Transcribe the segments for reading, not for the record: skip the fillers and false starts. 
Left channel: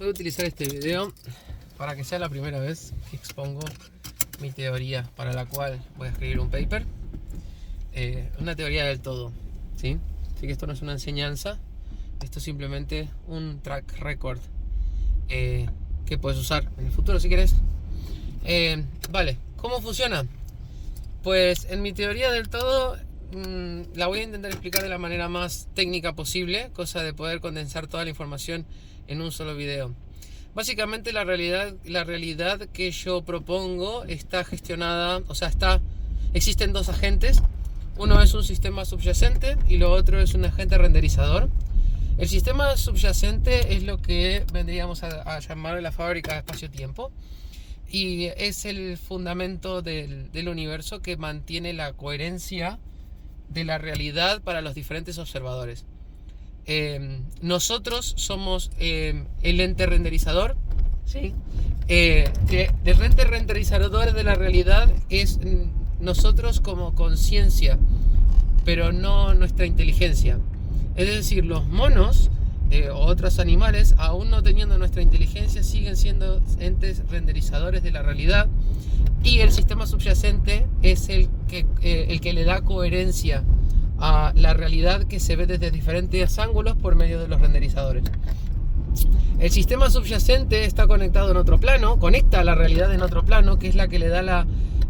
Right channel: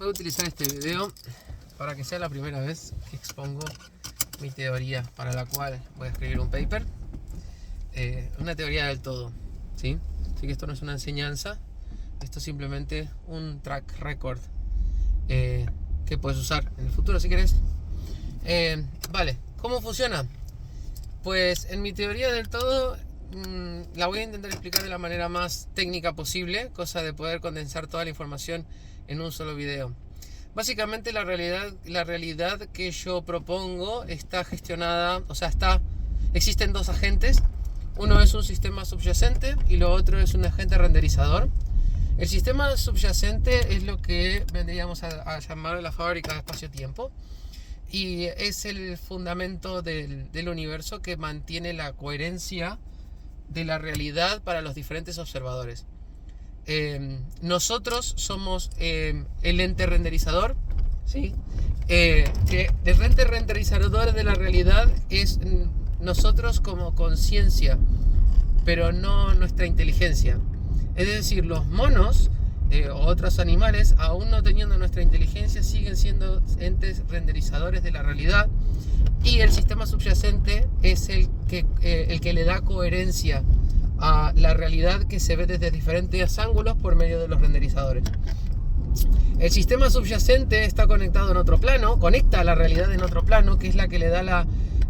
Voy a utilizar este video para que sea la primera vez que expongo mi teoría para la cual voy a escribir un paper. Una teoría del todo, ¿sí? Así que esto no es una enseñanza, esto es simplemente un track record que puedes usar en el futuro si querés. Vale, ¿cómo funciona? Pues en mi teoría del todo la voy a intentar explicar de la manera más técnica posible, cosa de poder condensar toda la información en un solo video. Básicamente la realidad que yo propongo está gestionada, o sea, existen dos agentes. Uno es un sistema subyacente y lo otro es un agente renderizador. El sistema subyacente es lo que vendríamos a llamar la fábrica de espacio-tiempo y es el fundamento del universo que mantiene la coherencia de la realidad para los diferentes observadores. Nosotros somos el ente renderizador, ¿sí? Que el ente renderizador de la realidad es nosotros como conciencia, pero no nuestra inteligencia. Es decir, los monos o otros animales, aún no teniendo nuestra inteligencia, siguen siendo entes renderizadores de la realidad, y el sistema subyacente es el que le da coherencia a la realidad que se ve desde diferentes ángulos por medio de los renderizadores. El sistema subyacente está conectado en otro plano, conecta a la realidad en otro plano, que es la que le da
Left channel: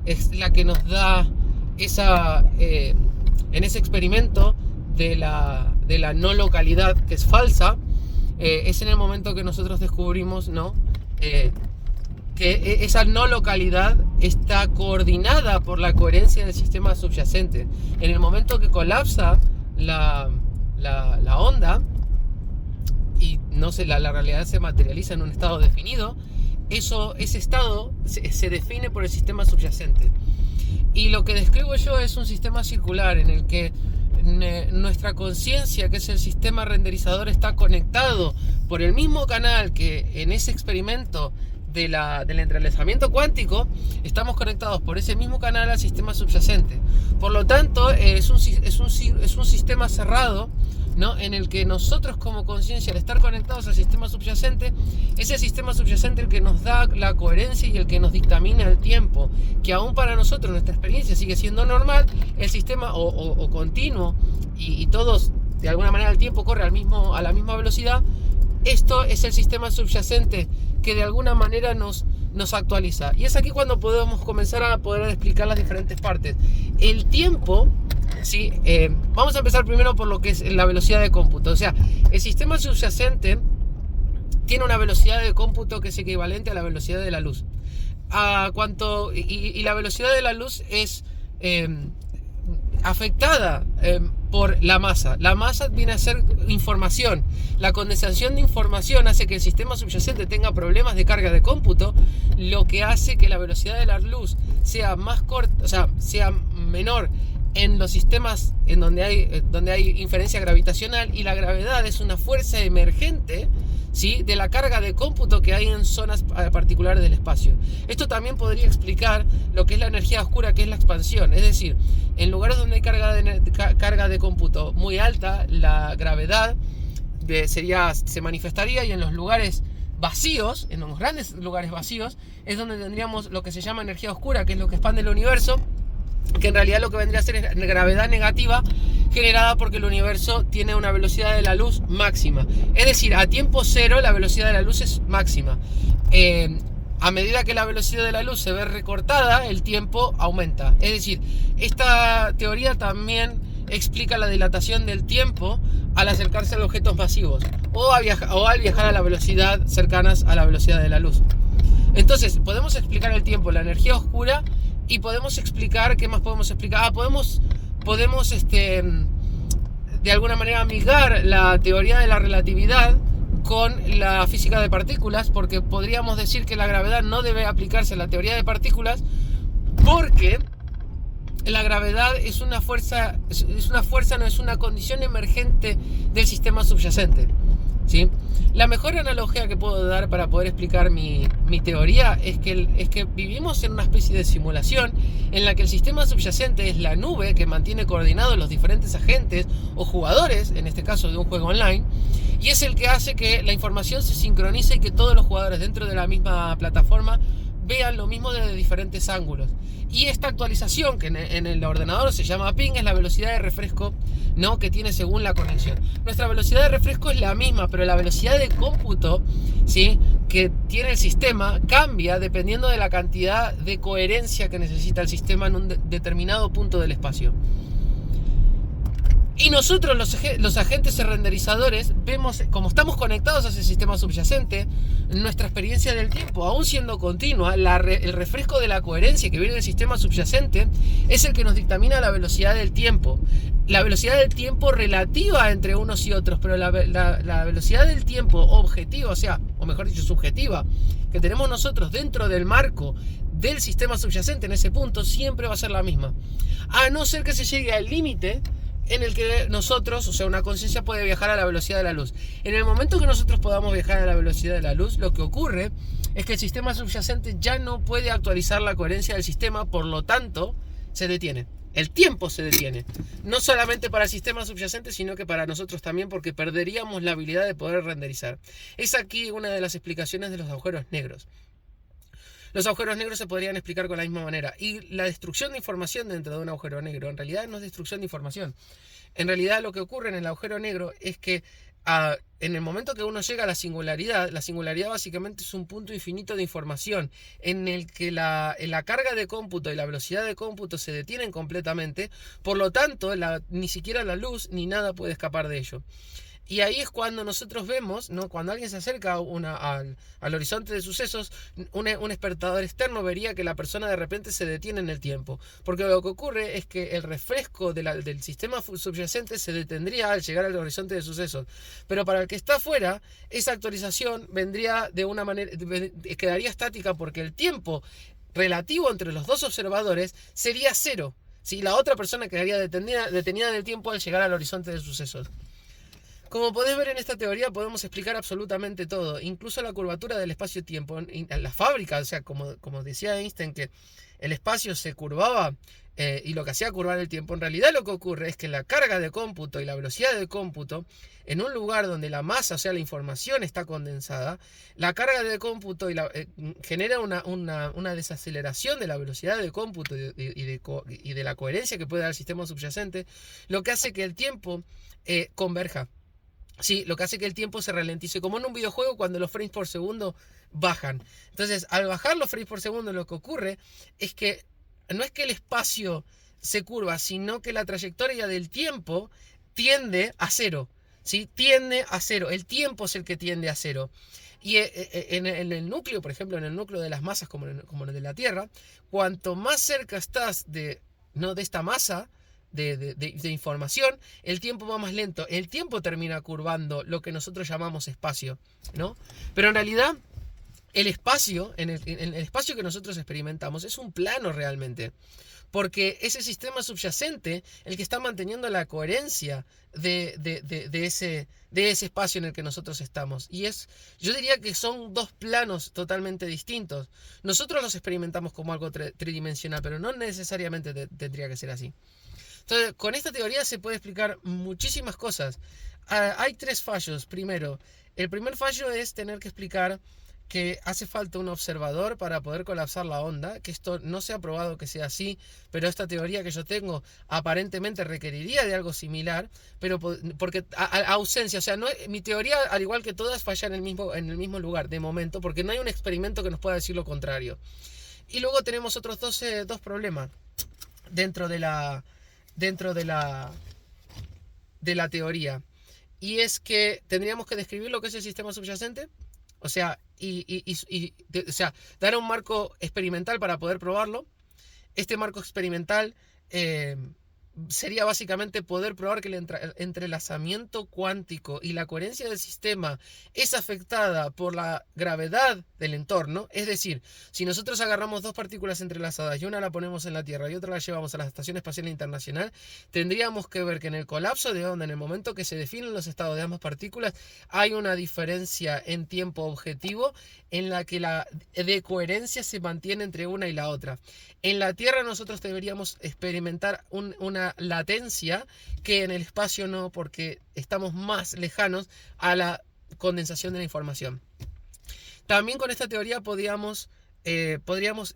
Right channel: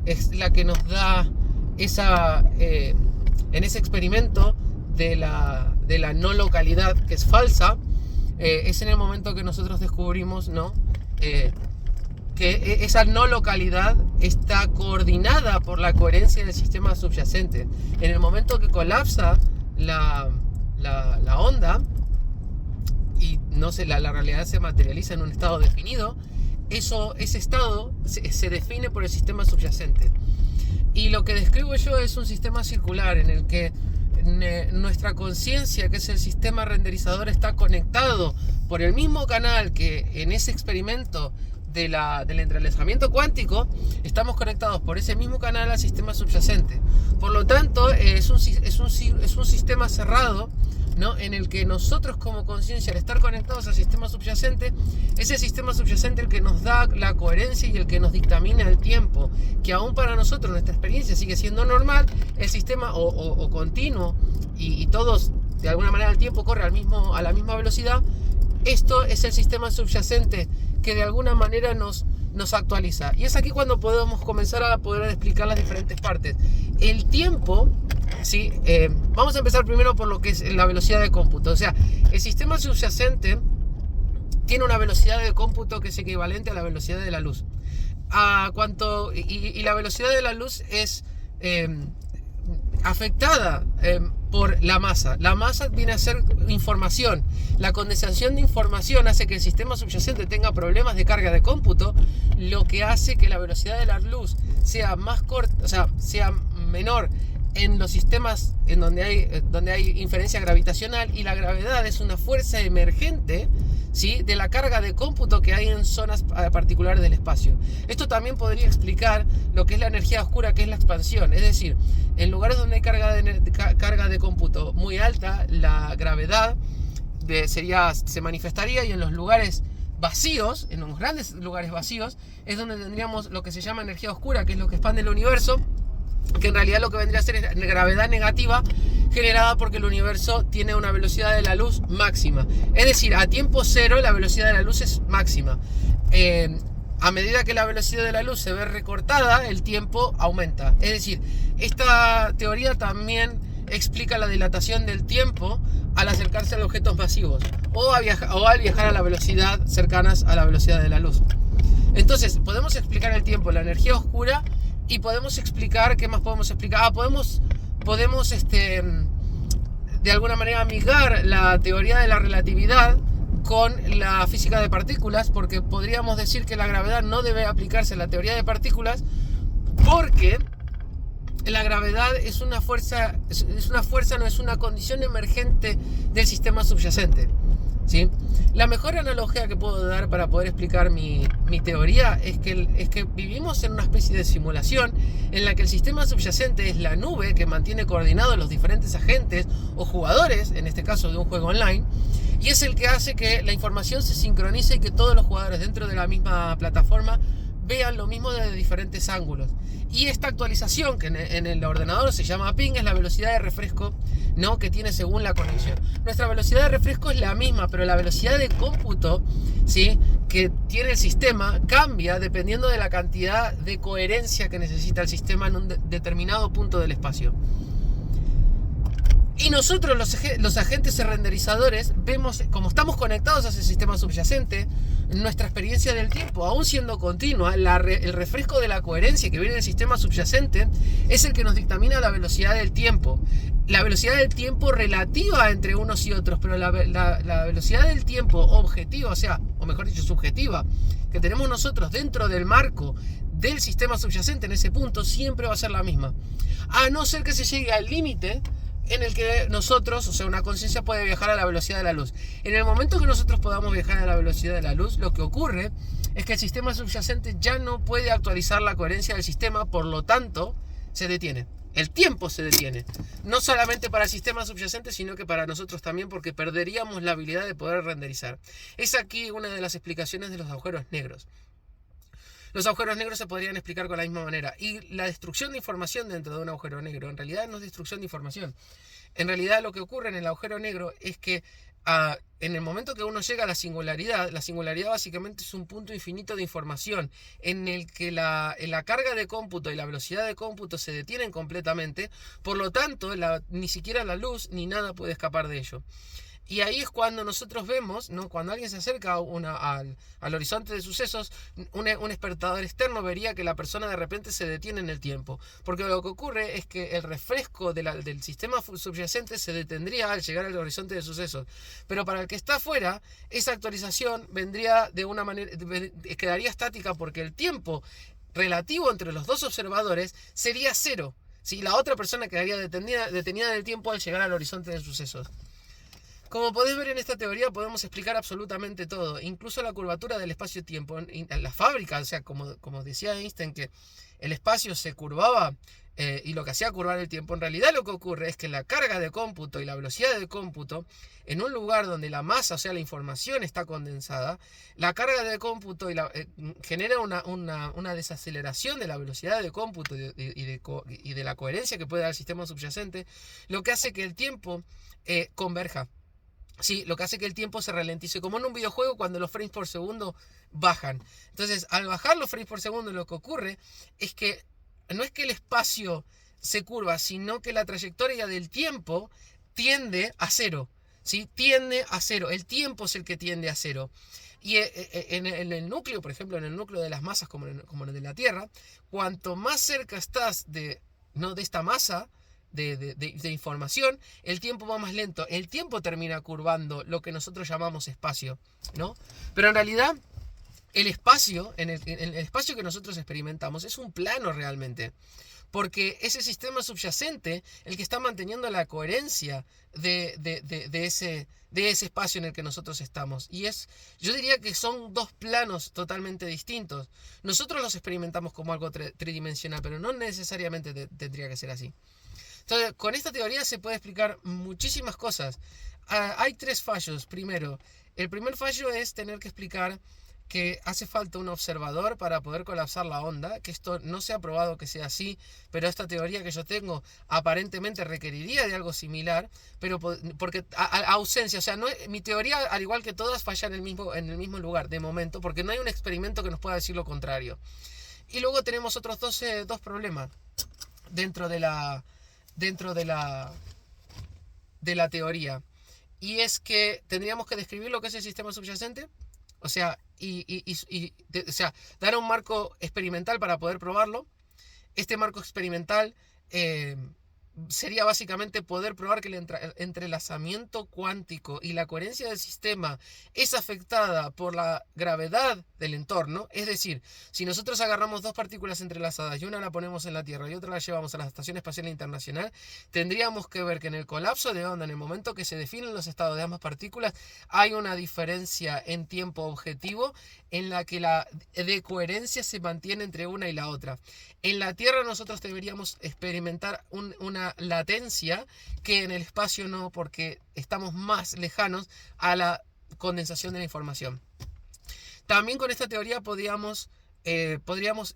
es la que nos da esa en ese experimento de la no localidad, que es falsa. Es en el momento que nosotros descubrimos, ¿no? Que esa no localidad está coordinada por la coherencia del sistema subyacente. En el momento que colapsa la onda y la realidad se materializa en un estado definido, ese estado se define por el sistema subyacente. Y lo que describo yo es un sistema circular en el que nuestra conciencia, que es el sistema renderizador, está conectado por el mismo canal que en ese experimento del entrelazamiento cuántico. Estamos conectados por ese mismo canal al sistema subyacente. Por lo tanto, es un sistema cerrado, ¿no? En el que nosotros como conciencia, al estar conectados al sistema subyacente, es el sistema subyacente el que nos da la coherencia y el que nos dictamina el tiempo, que aún para nosotros nuestra experiencia sigue siendo normal, el sistema o continuo, y todos de alguna manera el tiempo corre a la misma velocidad. Esto es el sistema subyacente que de alguna manera nos actualiza. Y es aquí cuando podemos comenzar a poder explicar las diferentes partes. El tiempo, ¿sí? Vamos a empezar primero por lo que es la velocidad de cómputo. O sea, el sistema subyacente tiene una velocidad de cómputo que es equivalente a la velocidad de la luz. Y la velocidad de la luz es afectada por la masa. La masa viene a ser información. La condensación de información hace que el sistema subyacente tenga problemas de carga de cómputo, lo que hace que la velocidad de la luz sea más corta, o sea, sea menor en los sistemas en donde hay inferencia gravitacional, y la gravedad es una fuerza emergente, ¿sí?, de la carga de cómputo que hay en zonas particulares del espacio. Esto también podría explicar lo que es la energía oscura, que es la expansión. Es decir, en lugares donde hay carga de cómputo muy alta, la gravedad se manifestaría, y en los lugares vacíos, en los grandes lugares vacíos, es donde tendríamos lo que se llama energía oscura, que es lo que expande el universo, que en realidad lo que vendría a ser es gravedad negativa generada porque el universo tiene una velocidad de la luz máxima. Es decir, a tiempo cero la velocidad de la luz es máxima. A medida que la velocidad de la luz se ve recortada, el tiempo aumenta. Es decir, esta teoría también explica la dilatación del tiempo al acercarse a objetos masivos o al viajar a la velocidad cercanas a la velocidad de la luz. Entonces, podemos explicar el tiempo, la energía oscura. Y podemos explicar, ¿qué más podemos explicar? Podemos de alguna manera amigar la teoría de la relatividad con la física de partículas, porque podríamos decir que la gravedad no debe aplicarse a la teoría de partículas, porque la gravedad es una fuerza, no es una condición emergente del sistema subyacente, ¿sí? La mejor analogía que puedo dar para poder explicar mi teoría es que vivimos en una especie de simulación en la que el sistema subyacente es la nube que mantiene coordinados los diferentes agentes o jugadores, en este caso de un juego online, y es el que hace que la información se sincronice y que todos los jugadores dentro de la misma plataforma vean lo mismo desde diferentes ángulos. Y esta actualización, que en el ordenador se llama ping, es la velocidad de refresco, ¿no?, que tiene según la conexión. Nuestra velocidad de refresco es la misma, pero la velocidad de cómputo, ¿sí?, que tiene el sistema cambia dependiendo de la cantidad de coherencia que necesita el sistema en un determinado punto del espacio. Y nosotros, los agentes renderizadores, vemos, como estamos conectados a ese sistema subyacente, nuestra experiencia del tiempo, aún siendo continua, el refresco de la coherencia que viene del sistema subyacente es el que nos dictamina la velocidad del tiempo. La velocidad del tiempo relativa entre unos y otros, pero la velocidad del tiempo objetiva, o mejor dicho, subjetiva, que tenemos nosotros dentro del marco del sistema subyacente en ese punto, siempre va a ser la misma. A no ser que se llegue al límite en el que nosotros, una conciencia puede viajar a la velocidad de la luz. En el momento que nosotros podamos viajar a la velocidad de la luz, lo que ocurre es que el sistema subyacente ya no puede actualizar la coherencia del sistema, por lo tanto, se detiene. El tiempo se detiene. No solamente para el sistema subyacente, sino que para nosotros también, porque perderíamos la habilidad de poder renderizar. Es aquí una de las explicaciones de los agujeros negros. Los agujeros negros se podrían explicar con la misma manera. Y la destrucción de información dentro de un agujero negro, en realidad no es destrucción de información. En realidad lo que ocurre en el agujero negro es que en el momento que uno llega a la singularidad básicamente es un punto infinito de información en el que la carga de cómputo y la velocidad de cómputo se detienen completamente. Por lo tanto, ni siquiera la luz ni nada puede escapar de ello. Y ahí es cuando nosotros vemos, ¿no?, cuando alguien se acerca al horizonte de sucesos, un espectador externo vería que la persona de repente se detiene en el tiempo. Porque lo que ocurre es que el refresco del sistema subyacente se detendría al llegar al horizonte de sucesos. Pero para el que está afuera, esa actualización vendría de una manera, quedaría estática, porque el tiempo relativo entre los dos observadores sería cero. ¿Sí? La otra persona quedaría detenida en el tiempo al llegar al horizonte de sucesos. Como podés ver en esta teoría, podemos explicar absolutamente todo, incluso la curvatura del espacio-tiempo. En la fábrica, como decía Einstein, que el espacio se curvaba y lo que hacía curvar el tiempo, en realidad lo que ocurre es que la carga de cómputo y la velocidad de cómputo, en un lugar donde la masa, la información está condensada, la carga de cómputo genera una desaceleración de la velocidad de cómputo y de la coherencia que puede dar el sistema subyacente, lo que hace que el tiempo converja. Sí, lo que hace que el tiempo se ralentice, como en un videojuego cuando los frames por segundo bajan. Entonces, al bajar los frames por segundo, lo que ocurre es que no es que el espacio se curva, sino que la trayectoria del tiempo tiende a cero. ¿Sí? Tiende a cero. El tiempo es el que tiende a cero. Y en el núcleo, por ejemplo, en el núcleo de las masas como en el de la Tierra, cuanto más cerca estás de esta masa de información, el tiempo va más lento. El tiempo termina curvando lo que nosotros llamamos espacio, ¿no? Pero en realidad el espacio, en el espacio que nosotros experimentamos, es un plano realmente, porque es el sistema subyacente el que está manteniendo la coherencia de ese espacio en el que nosotros estamos. Y yo diría que son dos planos totalmente distintos. Nosotros los experimentamos como algo tridimensional, pero no necesariamente tendría que ser así. Entonces, con esta teoría se puede explicar muchísimas cosas. Hay tres fallos. Primero, el primer fallo es tener que explicar que hace falta un observador para poder colapsar la onda, que esto no se ha probado que sea así, pero esta teoría que yo tengo aparentemente requeriría de algo similar, pero porque ausencia, mi teoría, al igual que todas, falla en el mismo lugar, de momento, porque no hay un experimento que nos pueda decir lo contrario. Y luego tenemos otros dos problemas dentro de la teoría, y es que tendríamos que describir lo que es el sistema subyacente, dar un marco experimental para poder probarlo. Este marco experimental sería básicamente poder probar que el entrelazamiento cuántico y la coherencia del sistema es afectada por la gravedad del entorno. Es decir, si nosotros agarramos dos partículas entrelazadas y una la ponemos en la Tierra y otra la llevamos a la Estación Espacial Internacional, tendríamos que ver que en el colapso de onda, en el momento que se definen los estados de ambas partículas, hay una diferencia en tiempo objetivo en la que la de coherencia se mantiene entre una y la otra. En la Tierra nosotros deberíamos experimentar una una latencia que en el espacio no, porque estamos más lejanos a la condensación de la información. También con esta teoría podríamos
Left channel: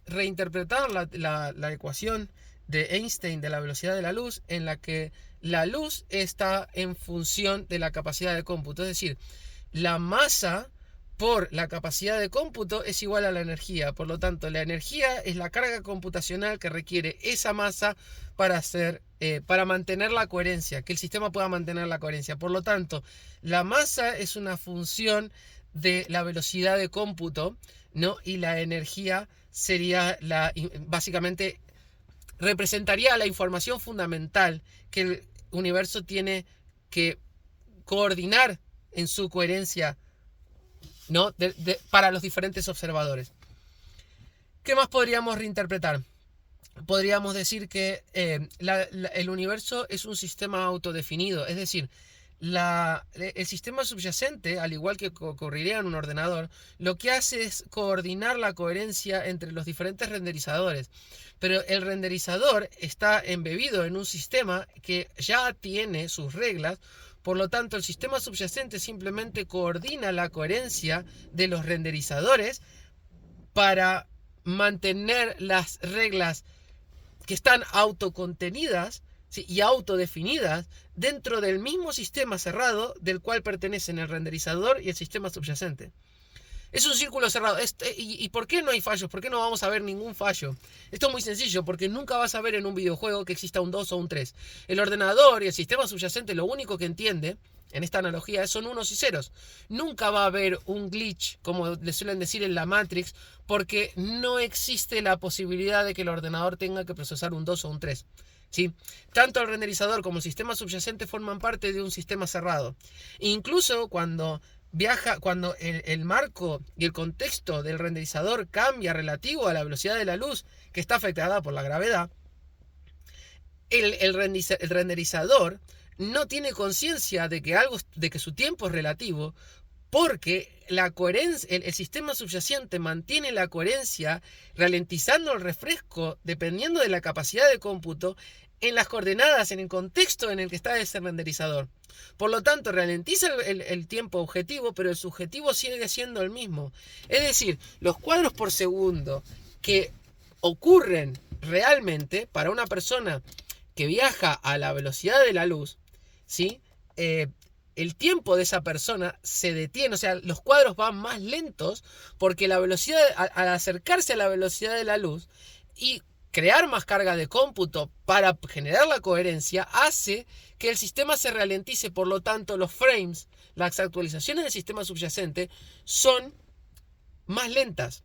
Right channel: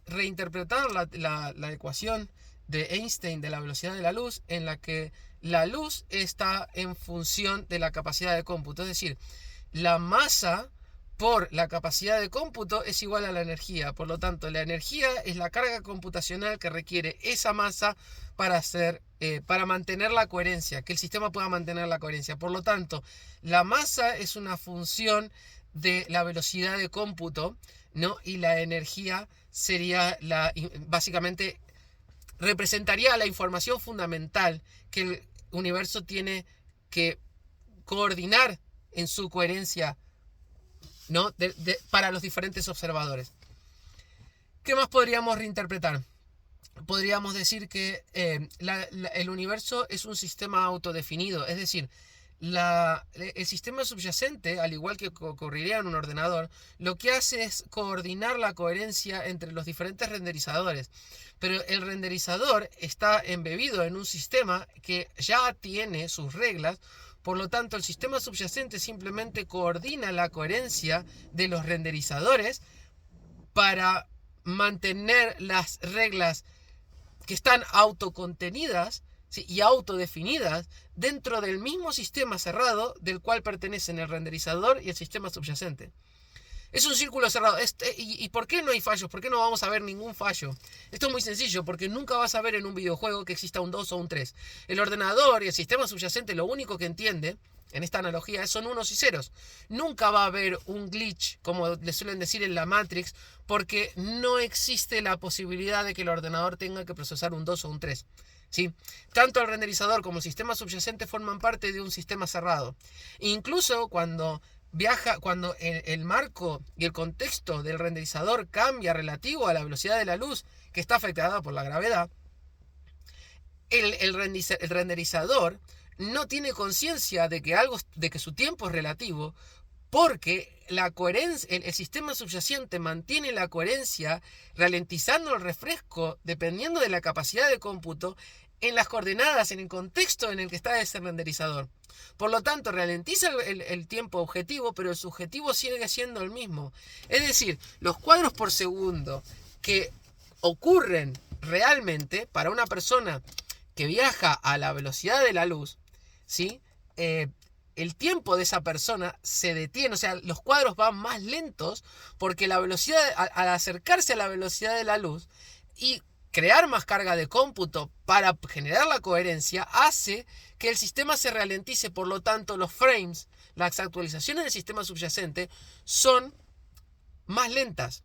reinterpretar la ecuación de Einstein de la velocidad de la luz, en la que la luz está en función de la capacidad de cómputo. Es decir, la masa por la capacidad de cómputo es igual a la energía. Por lo tanto, la energía es la carga computacional que requiere esa masa para mantener la coherencia, que el sistema pueda mantener la coherencia. Por lo tanto, la masa es una función de la velocidad de cómputo, ¿no? Y la energía sería básicamente representaría la información fundamental que el universo tiene que coordinar en su coherencia, ¿no? Para los diferentes observadores. ¿Qué más podríamos reinterpretar? Podríamos decir que el universo es un sistema autodefinido, es decir, el sistema subyacente, al igual que ocurriría en un ordenador, lo que hace es coordinar la coherencia entre los diferentes renderizadores. Pero el renderizador está embebido en un sistema que ya tiene sus reglas. Por lo tanto, el sistema subyacente simplemente coordina la coherencia de los renderizadores para mantener las reglas que están autocontenidas, ¿sí?, y autodefinidas dentro del mismo sistema cerrado del cual pertenecen el renderizador y el sistema subyacente. Es un círculo cerrado. ¿Y por qué no hay fallos? ¿Por qué no vamos a ver ningún fallo? Esto es muy sencillo, porque nunca vas a ver en un videojuego que exista un 2 o un 3. El ordenador y el sistema subyacente lo único que entiende, en esta analogía, son unos y ceros. Nunca va a haber un glitch, como le suelen decir en la Matrix, porque no existe la posibilidad de que el ordenador tenga que procesar un 2 o un 3. ¿Sí? Tanto el renderizador como el sistema subyacente forman parte de un sistema cerrado. Incluso cuando el marco y el contexto del renderizador cambia relativo a la velocidad de la luz, que está afectada por la gravedad, el renderizador no tiene conciencia de que su tiempo es relativo, porque el sistema subyacente mantiene la coherencia ralentizando el refresco dependiendo de la capacidad de cómputo en las coordenadas, en el contexto en el que está ese renderizador. Por lo tanto, ralentiza el tiempo objetivo, pero el subjetivo sigue siendo el mismo. Es decir, los cuadros por segundo que ocurren realmente para una persona que viaja a la velocidad de la luz, ¿sí? El tiempo de esa persona se detiene, o sea, los cuadros van más lentos porque la velocidad, al acercarse a la velocidad de la luz y crear más carga de cómputo para generar la coherencia, hace que el sistema se ralentice. Por lo tanto, los frames, las actualizaciones del sistema subyacente son más lentas.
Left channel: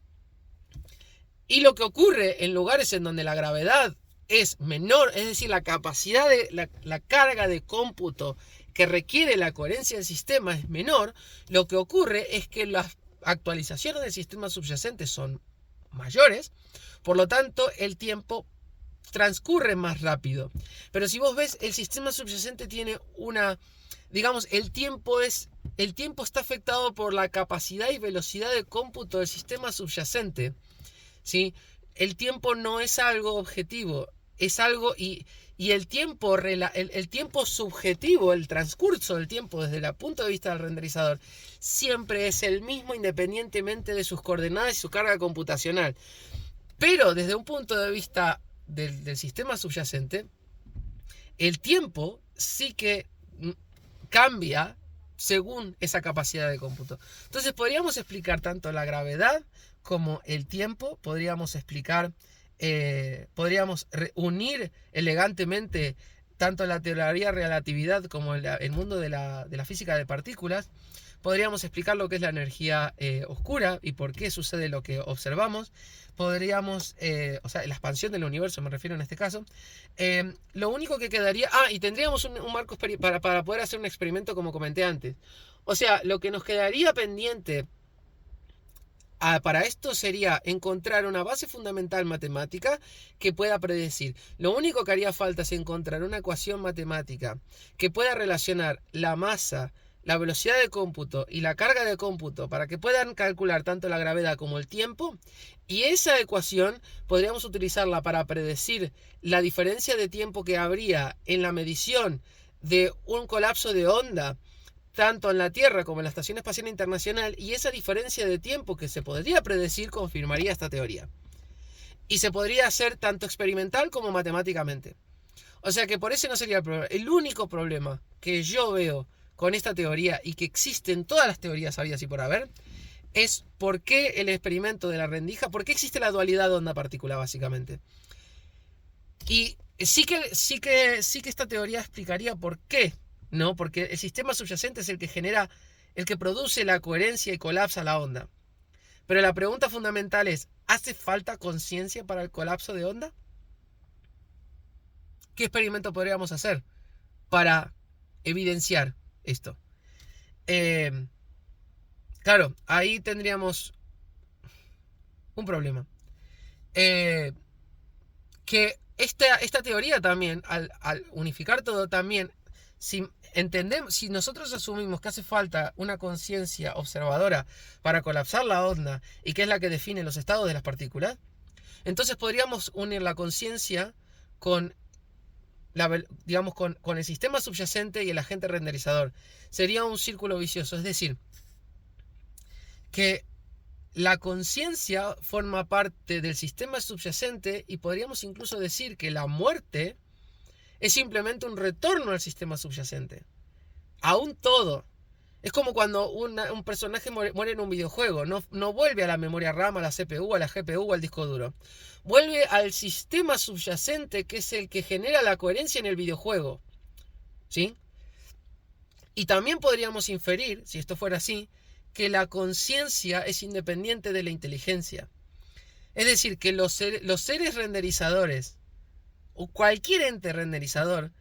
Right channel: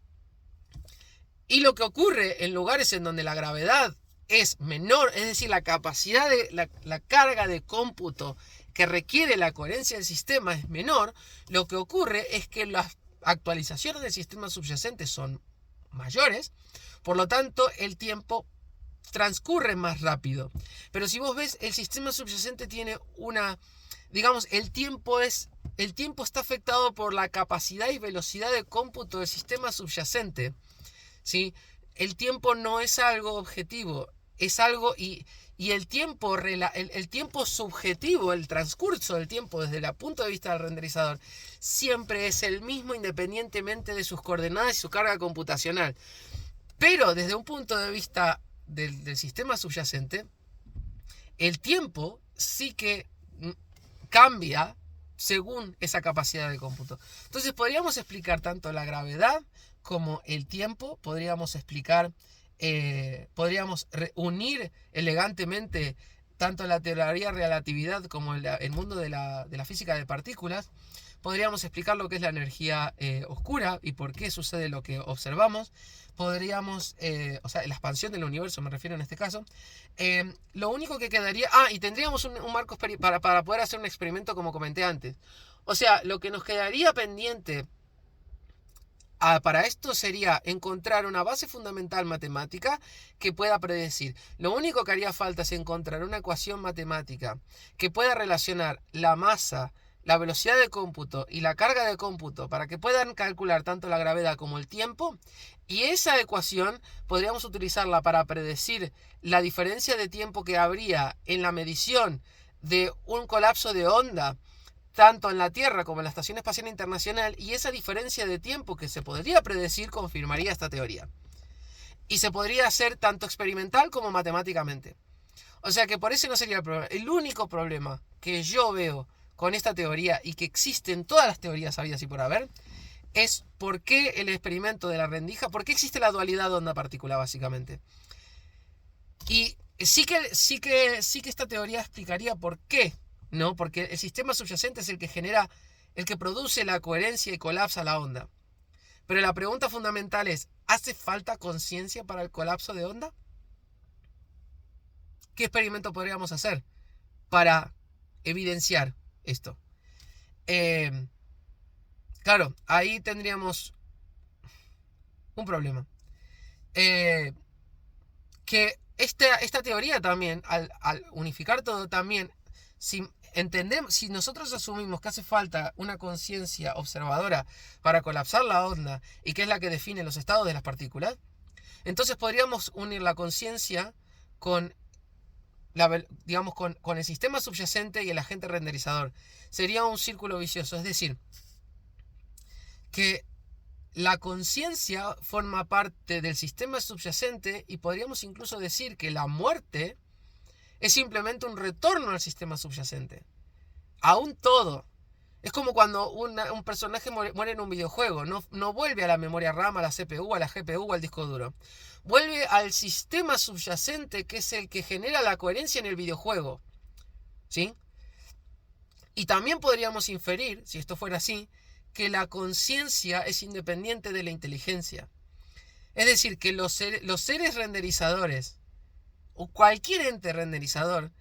Y lo que ocurre en lugares en donde la gravedad es menor, es decir, la capacidad de la carga de cómputo que requiere la coherencia del sistema es menor, lo que ocurre es que las actualizaciones del sistema subyacente son mayores. Por lo tanto, el tiempo transcurre más rápido. Pero si vos ves, el sistema subyacente tiene el tiempo está afectado por la capacidad y velocidad de cómputo del sistema subyacente, ¿sí? El tiempo no es algo objetivo, es algo y el tiempo subjetivo, el transcurso del tiempo desde el punto de vista del renderizador, siempre es el mismo independientemente de sus coordenadas y su carga computacional. Pero desde un punto de vista del sistema subyacente, el tiempo sí que cambia según esa capacidad de cómputo. Entonces podríamos explicar tanto la gravedad como el tiempo, podríamos unir elegantemente tanto la teoría de relatividad como el mundo de la física de partículas. Podríamos explicar lo que es la energía oscura y por qué sucede lo que observamos. Podríamos, la expansión del universo me refiero en este caso. Lo único que quedaría, y tendríamos un marco para poder hacer un experimento como comenté antes. O sea, lo que nos quedaría pendiente para esto sería encontrar una base fundamental matemática que pueda predecir. Lo único que haría falta es encontrar una ecuación matemática que pueda relacionar la masa la velocidad de cómputo y la carga de cómputo para que puedan calcular tanto la gravedad como el tiempo, y esa ecuación podríamos utilizarla para predecir la diferencia de tiempo que habría en la medición de un colapso de onda tanto en la Tierra como en la Estación Espacial Internacional, y esa diferencia de tiempo que se podría predecir confirmaría esta teoría. Y se podría hacer tanto experimental como matemáticamente. O sea que por eso no sería el problema. El único problema que yo veo con esta teoría, y que existe en todas las teorías habidas y por haber, es por qué el experimento de la rendija, por qué existe la dualidad de onda-partícula, básicamente. Y sí que esta teoría explicaría por qué, ¿no? Porque el sistema subyacente es el que genera, el que produce la coherencia y colapsa la onda. Pero la pregunta fundamental es, ¿hace falta conciencia para el colapso de onda? ¿Qué experimento podríamos hacer para evidenciar esto? Claro, ahí tendríamos un problema. Que esta teoría también, al unificar todo también, si nosotros asumimos que hace falta una conciencia observadora para colapsar la onda, y que es la que define los estados de las partículas, entonces podríamos unir la conciencia con con el sistema subyacente y el agente renderizador. Sería un círculo vicioso, es decir, que la conciencia forma parte del sistema subyacente, y podríamos incluso decir que la muerte es simplemente un retorno al sistema subyacente, a un todo. Es como cuando un personaje muere en un videojuego, no vuelve a la memoria RAM, a la CPU, a la GPU o al disco duro. Vuelve al sistema subyacente, que es el que genera la coherencia en el videojuego. ¿Sí? Y también podríamos inferir, si esto fuera así, que la conciencia es independiente de la inteligencia. Es decir, que los seres renderizadores, o cualquier ente renderizador,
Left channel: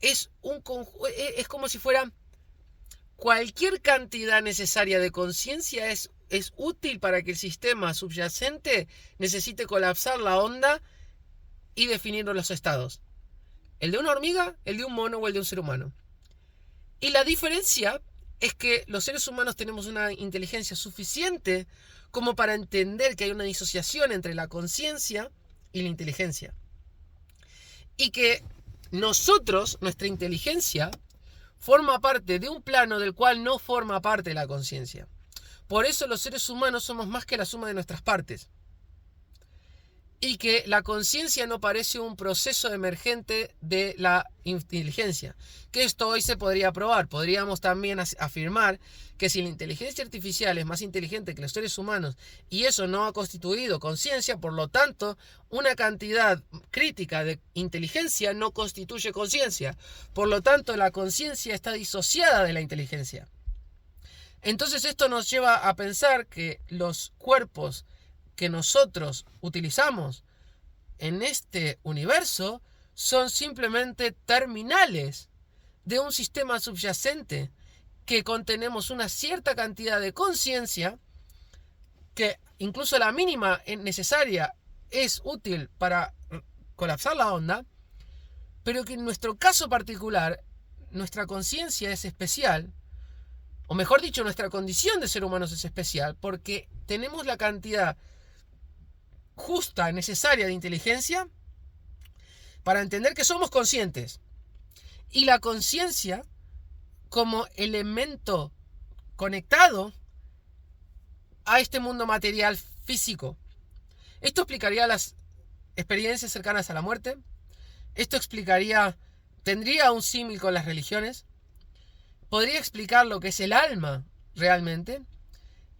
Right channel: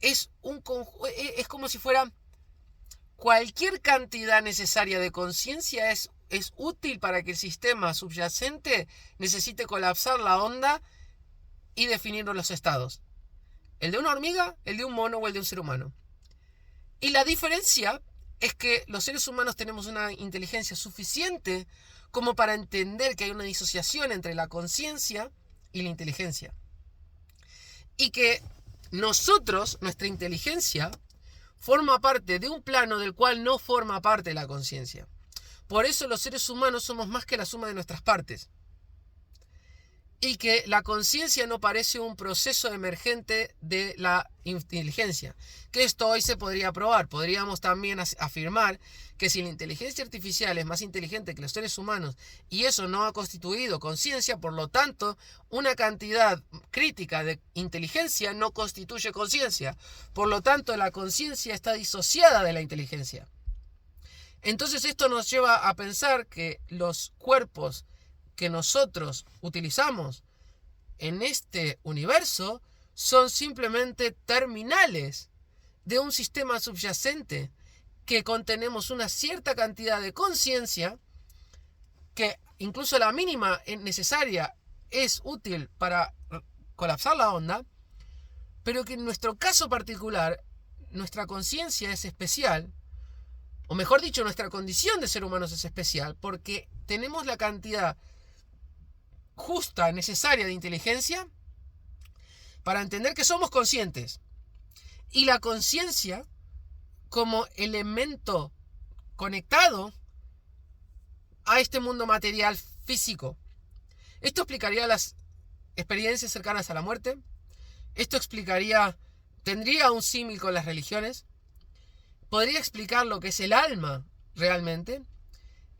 es como si fuera cualquier cantidad necesaria de conciencia es útil para que el sistema subyacente necesite colapsar la onda y definir los estados. El de una hormiga, el de un mono o el de un ser humano. Y la diferencia es que los seres humanos tenemos una inteligencia suficiente como para entender que hay una disociación entre la conciencia y la inteligencia. Y que nuestra inteligencia, forma parte de un plano del cual no forma parte la conciencia. Por eso los seres humanos somos más que la suma de nuestras partes. Y que la conciencia no parece un proceso emergente de la inteligencia. Que esto hoy se podría probar. Podríamos también afirmar que si la inteligencia artificial es más inteligente que los seres humanos y eso no ha constituido conciencia, por lo tanto, una cantidad crítica de inteligencia no constituye conciencia. Por lo tanto, la conciencia está disociada de la inteligencia. Entonces esto nos lleva a pensar que los cuerpos que nosotros utilizamos en este universo son simplemente terminales de un sistema subyacente que contenemos una cierta cantidad de conciencia, que incluso la mínima necesaria es útil para colapsar la onda, pero que en nuestro caso particular nuestra conciencia es especial, o mejor dicho, nuestra condición de ser humanos es especial, porque tenemos la cantidad justa, necesaria de inteligencia para entender que somos conscientes. Y la conciencia como elemento conectado a este mundo material físico. Esto explicaría las experiencias cercanas a la muerte. Esto tendría un símil con las religiones. Podría explicar lo que es el alma realmente.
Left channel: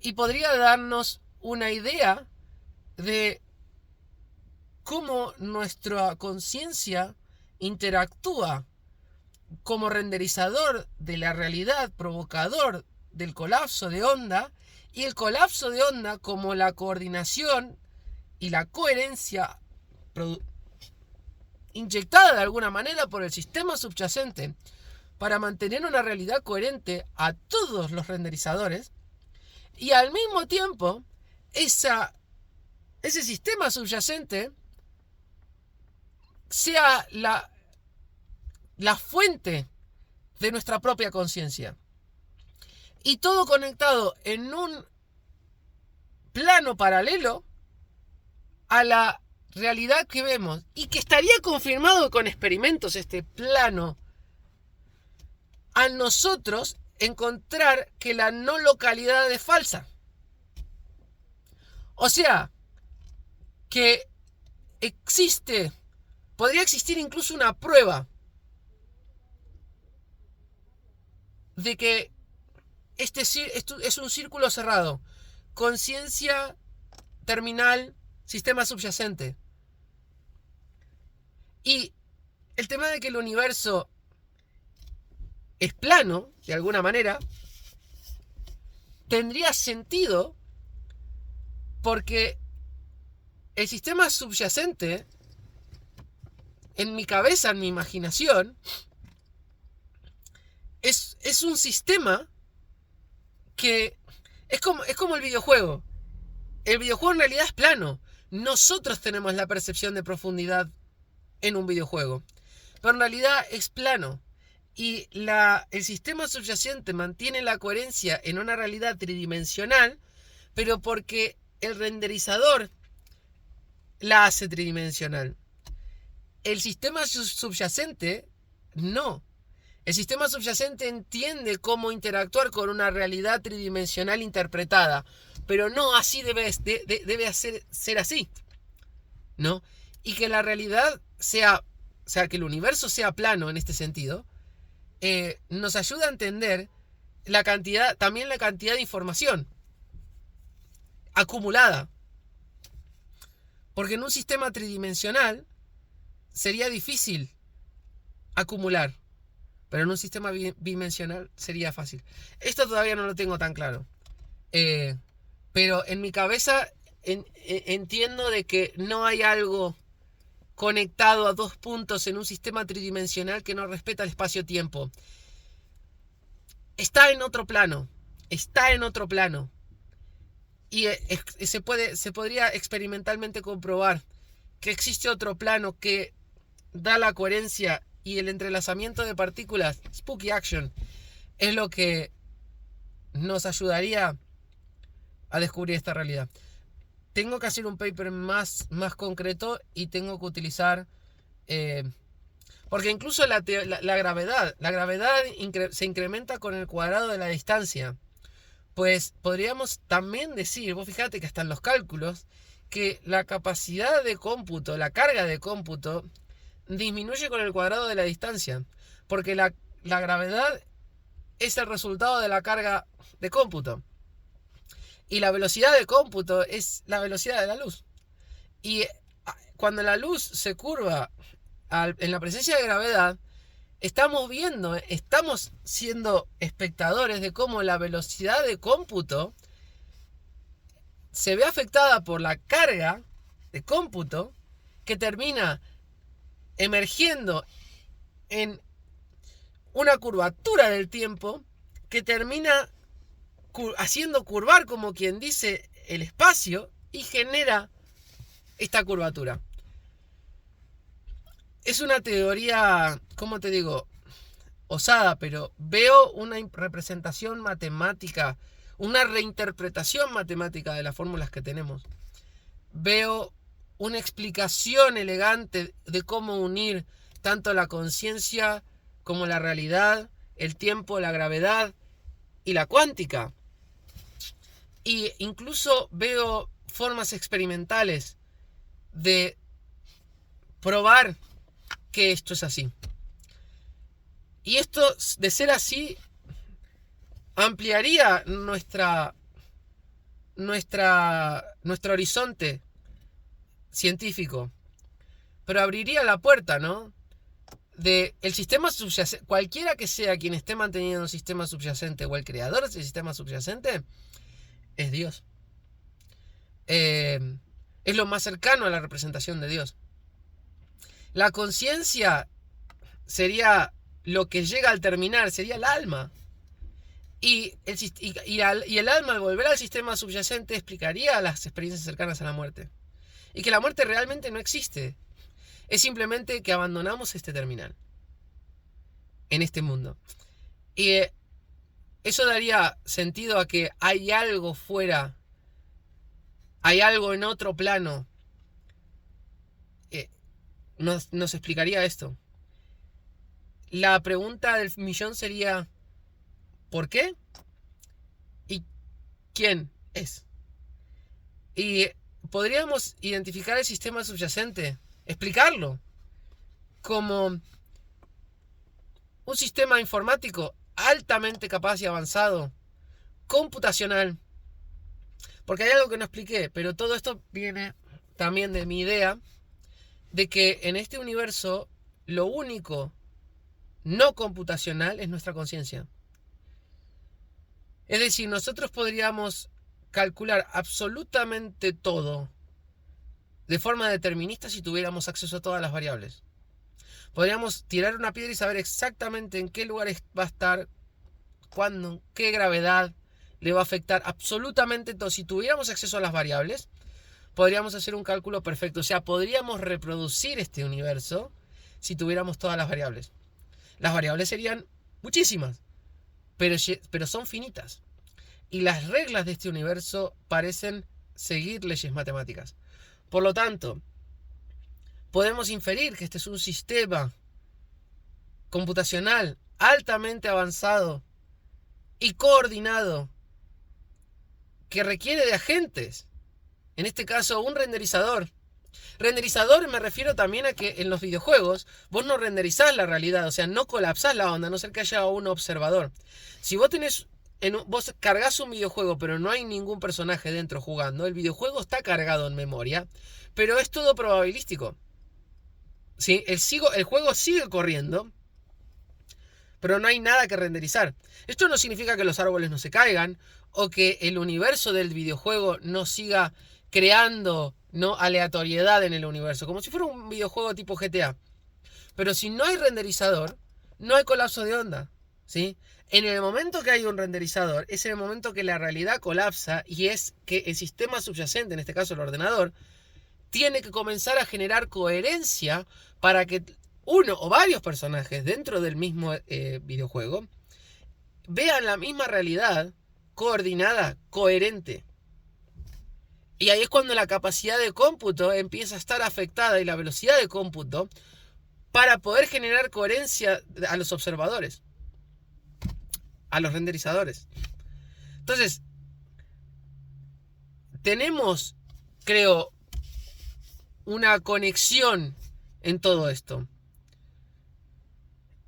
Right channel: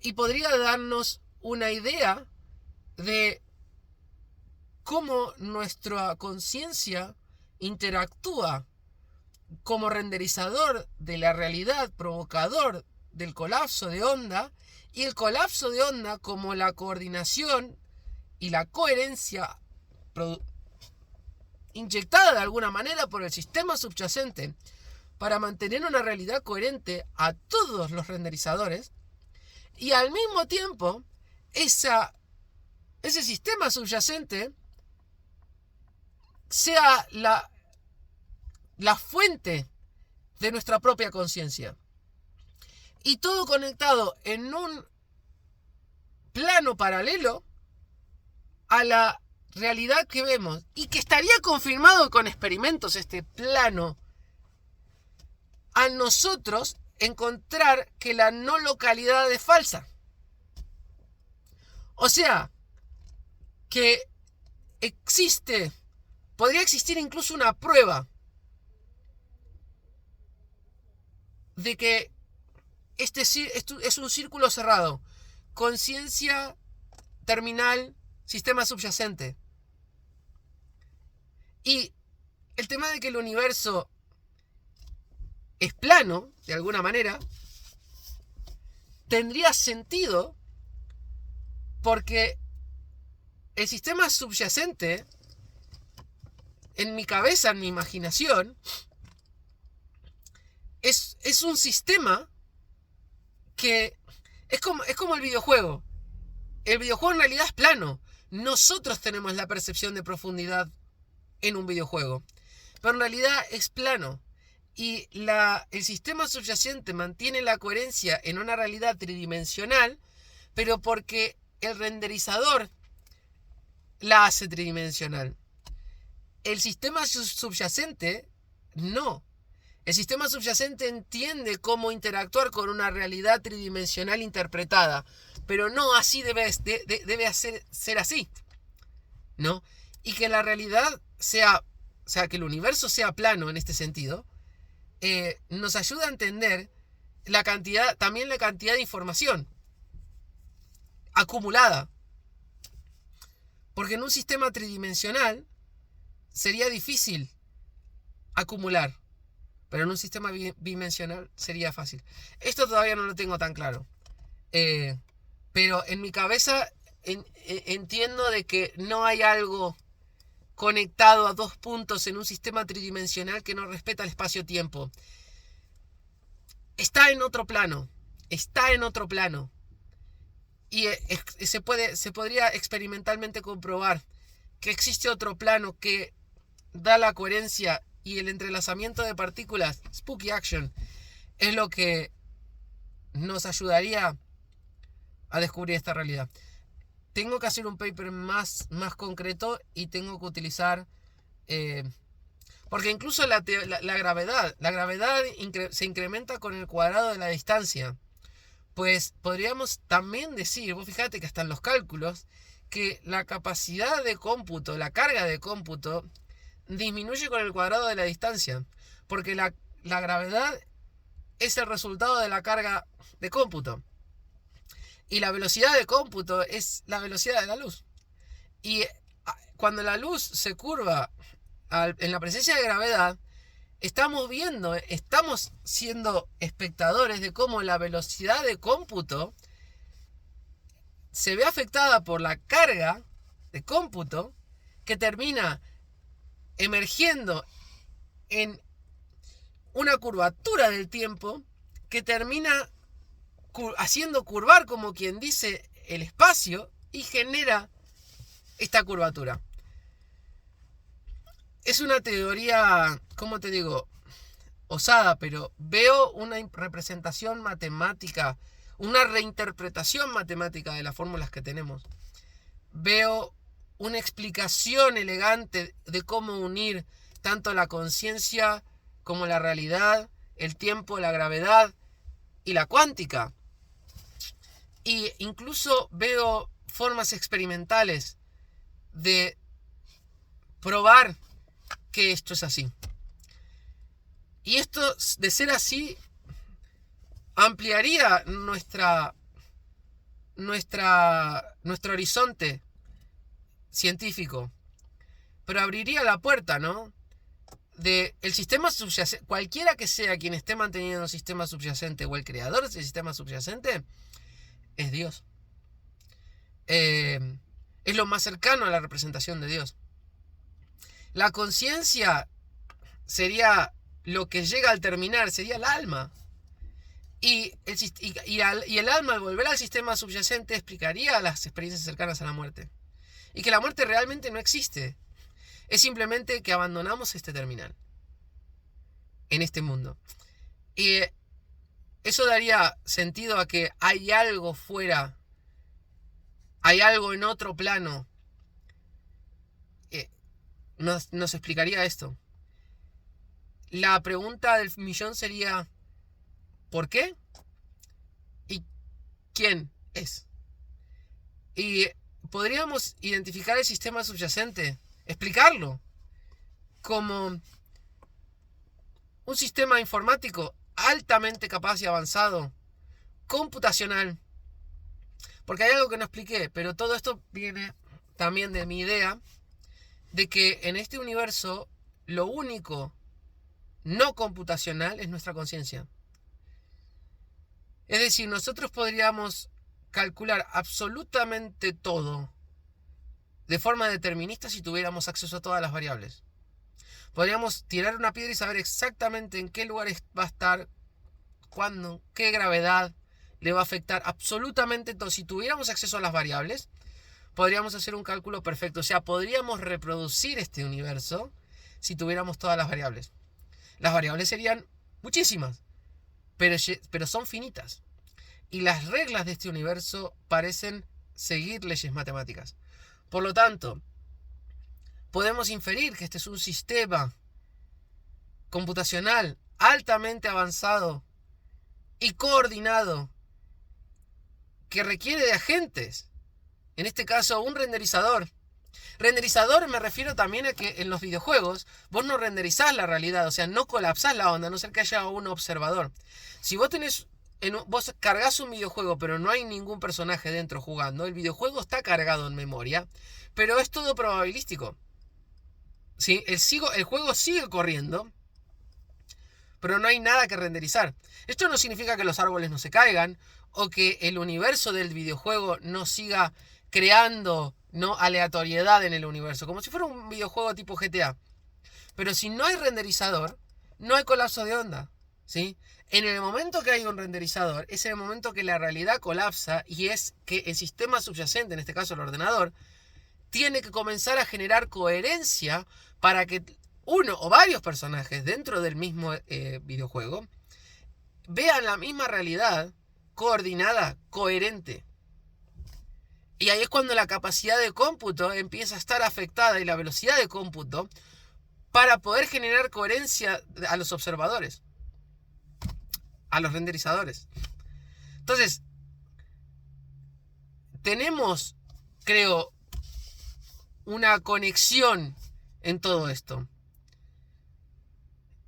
Y podría darnos una idea de cómo nuestra conciencia interactúa como renderizador de la realidad, provocador del colapso de onda, y el colapso de onda como la coordinación y la coherencia inyectada de alguna manera por el sistema subyacente para mantener una realidad coherente a todos los renderizadores, y al mismo tiempo ese sistema subyacente sea la fuente de nuestra propia conciencia. y todo conectado en un plano paralelo a la realidad que vemos, y que estaría confirmado con experimentos este plano, a nosotros encontrar que la no localidad es falsa. O sea, que podría existir incluso una prueba de que este es un círculo cerrado. Conciencia terminal, sistema subyacente. Y el tema de que el universo es plano, de alguna manera, tendría sentido porque el sistema subyacente, en mi cabeza, en mi imaginación, es un sistema que es como el videojuego. El videojuego en realidad es plano. Nosotros tenemos la percepción de profundidad en un videojuego, pero en realidad es plano. Y el sistema subyacente mantiene la coherencia en una realidad tridimensional, pero porque el renderizador la hace tridimensional. El sistema subyacente no. El sistema subyacente entiende cómo interactuar con una realidad tridimensional interpretada, pero no así debe ser así, ¿no? Y que la realidad sea, o sea, que el universo sea plano en este sentido, nos ayuda a entender también la cantidad de información acumulada. Porque en un sistema tridimensional sería difícil acumular, pero en un sistema bidimensional sería fácil. Esto todavía no lo tengo tan claro. Pero en mi cabeza entiendo de que no hay algo conectado a dos puntos en un sistema tridimensional que no respeta el espacio-tiempo. Está en otro plano. Está en otro plano. Y se podría experimentalmente comprobar que existe otro plano que da la coherencia y el entrelazamiento de partículas. Spooky Action es lo que nos ayudaría a descubrir esta realidad. Tengo que hacer un paper más concreto y tengo que utilizar porque incluso la gravedad se incrementa con el cuadrado de la distancia. Pues podríamos también decir, vos fíjate que hasta en los cálculos, que la capacidad de cómputo, la carga de cómputo, disminuye con el cuadrado de la distancia, porque la gravedad es el resultado de la carga de cómputo. Y la velocidad de cómputo es la velocidad de la luz. Y cuando la luz se curva en la presencia de gravedad, estamos siendo espectadores de cómo la velocidad de cómputo se ve afectada por la carga de cómputo que termina emergiendo en una curvatura del tiempo que termina haciendo curvar, como quien dice, el espacio y genera esta curvatura. Es una teoría, ¿cómo te digo?, osada, pero veo una representación matemática, una reinterpretación matemática de las fórmulas que tenemos. Veo una explicación elegante de cómo unir tanto la conciencia como la realidad, el tiempo, la gravedad y la cuántica. Y incluso veo formas experimentales de probar que esto es así. Y esto, de ser así, ampliaría nuestro horizonte científico, pero abriría la puerta, ¿no?, de el sistema subyacente. Cualquiera que sea quien esté manteniendo un sistema subyacente o el creador de ese sistema subyacente es Dios. Es lo más cercano a la representación de Dios. La conciencia sería lo que llega al terminar, sería el alma. Y el alma, al volver al sistema subyacente, explicaría las experiencias cercanas a la muerte. Y que la muerte realmente no existe. Es simplemente que abandonamos este terminal en este mundo. Y eso daría sentido a que hay algo fuera, hay algo en otro plano. Nos explicaría esto. La pregunta del millón sería, ¿por qué? ¿Y quién es? Y podríamos identificar el sistema subyacente, explicarlo como un sistema informático altamente capaz y avanzado, computacional. Porque hay algo que no expliqué, pero todo esto viene también de mi idea de que en este universo lo único no computacional es nuestra conciencia. Es decir, nosotros podríamos calcular absolutamente todo de forma determinista si tuviéramos acceso a todas las variables. Podríamos tirar una piedra y saber exactamente en qué lugar va a estar, cuándo, qué gravedad le va a afectar absolutamente todo. Si tuviéramos acceso a las variables, podríamos hacer un cálculo perfecto. O sea, podríamos reproducir este universo si tuviéramos todas las variables. Las variables serían muchísimas, pero son finitas. Y las reglas de este universo parecen seguir leyes matemáticas. Por lo tanto, podemos inferir que este es un sistema computacional altamente avanzado y coordinado que requiere de agentes. En este caso, un renderizador. Renderizador me refiero también a que en los videojuegos vos no renderizás la realidad, o sea, no colapsás la onda, a no ser que haya un observador. Si vos vos cargas un videojuego, pero no hay ningún personaje dentro jugando, el videojuego está cargado en memoria, pero es todo probabilístico. ¿Sí? El juego sigue corriendo, pero no hay nada que renderizar. Esto no significa que los árboles no se caigan, o que el universo del videojuego no siga creando aleatoriedad en el universo, como si fuera un videojuego tipo GTA. Pero si no hay renderizador, no hay colapso de onda, ¿sí? En el momento que hay un renderizador, es el momento que la realidad colapsa y es que el sistema subyacente, en este caso el ordenador, tiene que comenzar a generar coherencia para que uno o varios personajes dentro del mismo videojuego vean la misma realidad coordinada, coherente. Y ahí es cuando la capacidad de cómputo empieza a estar afectada y la velocidad de cómputo para poder generar coherencia a los observadores, a los renderizadores. Entonces, tenemos, creo, una conexión en todo esto.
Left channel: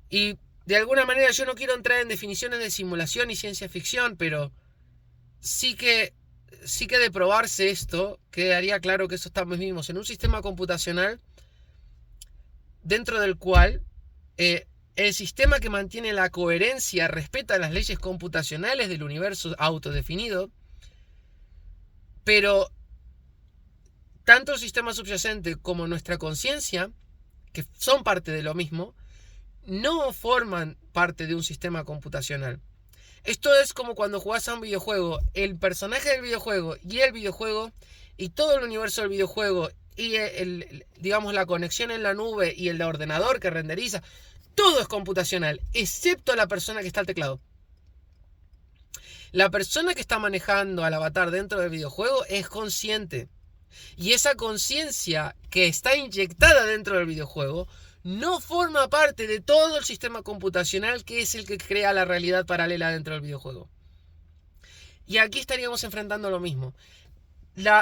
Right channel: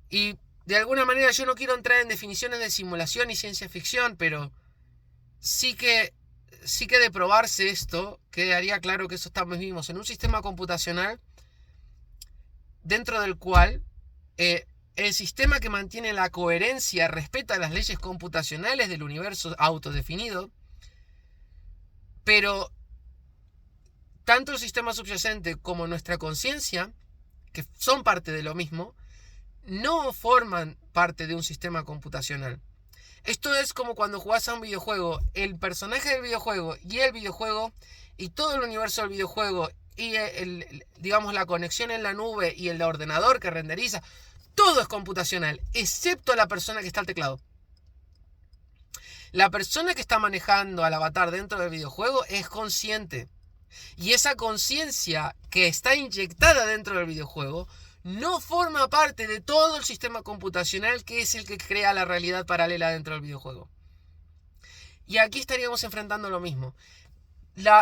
Y de alguna manera yo no quiero entrar en definiciones de simulación y ciencia ficción, pero sí que de probarse esto, quedaría claro que eso estamos vivimos en un sistema computacional dentro del cual el sistema que mantiene la coherencia respeta las leyes computacionales del universo autodefinido, pero tanto el sistema subyacente como nuestra conciencia, que son parte de lo mismo, no forman parte de un sistema computacional. Esto es como cuando jugás a un videojuego, el personaje del videojuego y todo el universo del videojuego y digamos la conexión en la nube y el ordenador que renderiza, todo es computacional, excepto la persona que está al teclado. La persona que está manejando al avatar dentro del videojuego es consciente. Y esa conciencia que está inyectada dentro del videojuego no forma parte de todo el sistema computacional que es el que crea la realidad paralela dentro del videojuego. Y aquí estaríamos enfrentando lo mismo.